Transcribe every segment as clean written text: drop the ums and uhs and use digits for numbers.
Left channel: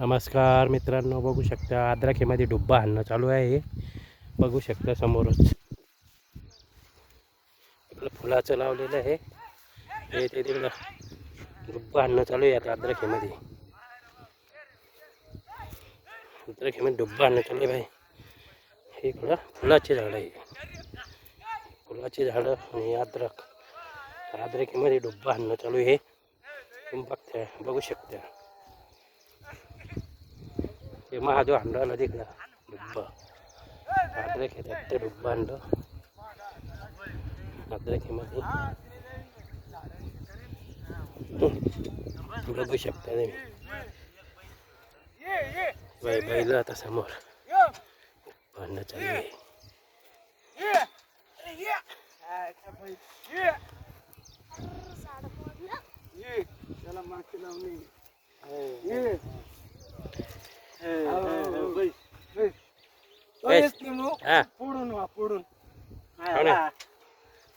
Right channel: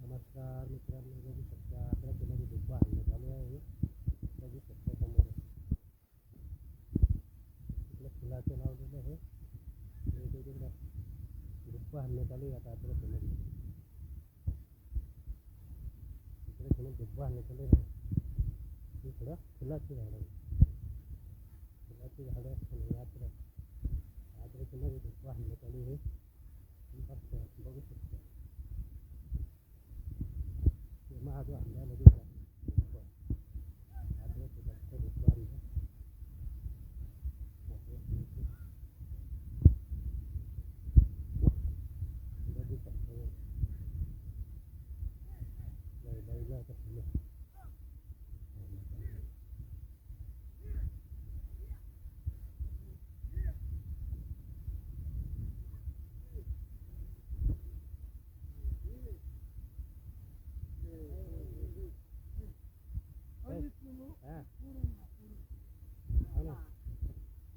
नमस्कार मित्रांनो, बघू शकता अद्राखेमध्ये डुब्बा आणणं चालू आहे. बघू शकता समोरच आपलं फुलाचं लावलेलं आहे. हे ते तिकडं डुब्बा आणणं चालू आहे. आता अद्राखेमध्ये डुब्बा आणणं चालू आहे भाई. हे इकडं फुलाची झाडं आहे, फुलाची झाडं आणि अद्राखेमध्ये डुब्बा आणणं चालू आहे. तुम्ही बघू शकता हे महादेव आणला तिकडं डुब्बा. अद्राखेत डुब्बा आणलं अद्राखेमध्ये. बघू शकता तुम्ही बैल आता समोर आणणं चालू आहे.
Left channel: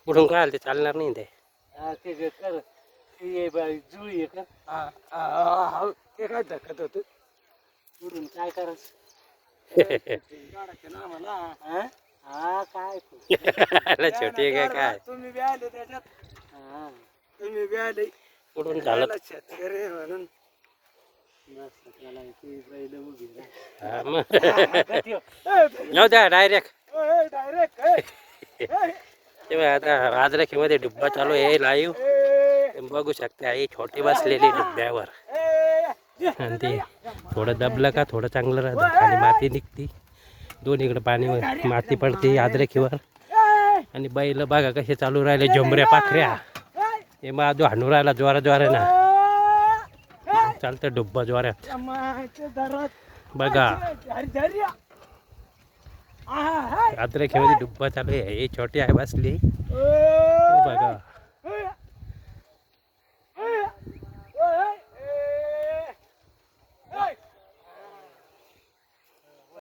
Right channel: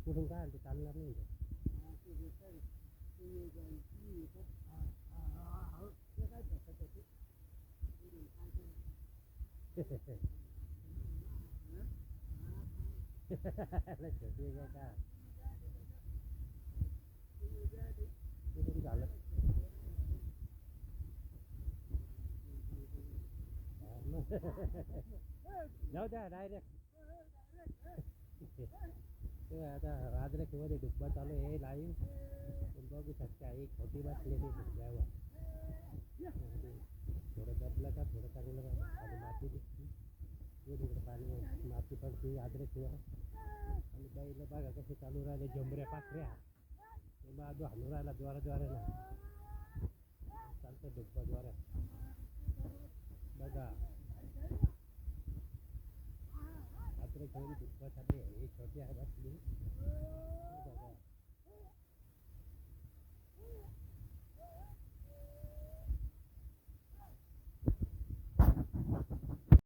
पुढून काय ते चालणार नाही ते. ते काय धकत होत पुढून काय करायचं काय छोटी काय काय तुम्ही बी आले त्याच्यात. तुम्ही बी आले पुढून झालं. शेतकरी म्हणून जाऊ द्या डायरेक्ट. डायरेक्ट तेव्हा आता अद्राखेमध्ये डुब्बा चालू आहे लाईव्ह. बघू शकता आई छोटी बसलेली डुब्ब्यावर आणि ते थोडं दबलं का थोडं चांगलं राहतं. खाली माती निघती, दोन्हीकडे पाणी माती पडते अद्राखेवर. आणि बैल बघा कसे चालू राहिले, झोंबऱ्या पाखऱ्या. हे महादेव हाणू राहिला जोरा ना. चालतं डुब्बा जोरात बघा. अद्राखेमध्ये डुब्बा चालू आहे. हे छोटी आहे बसली बघा.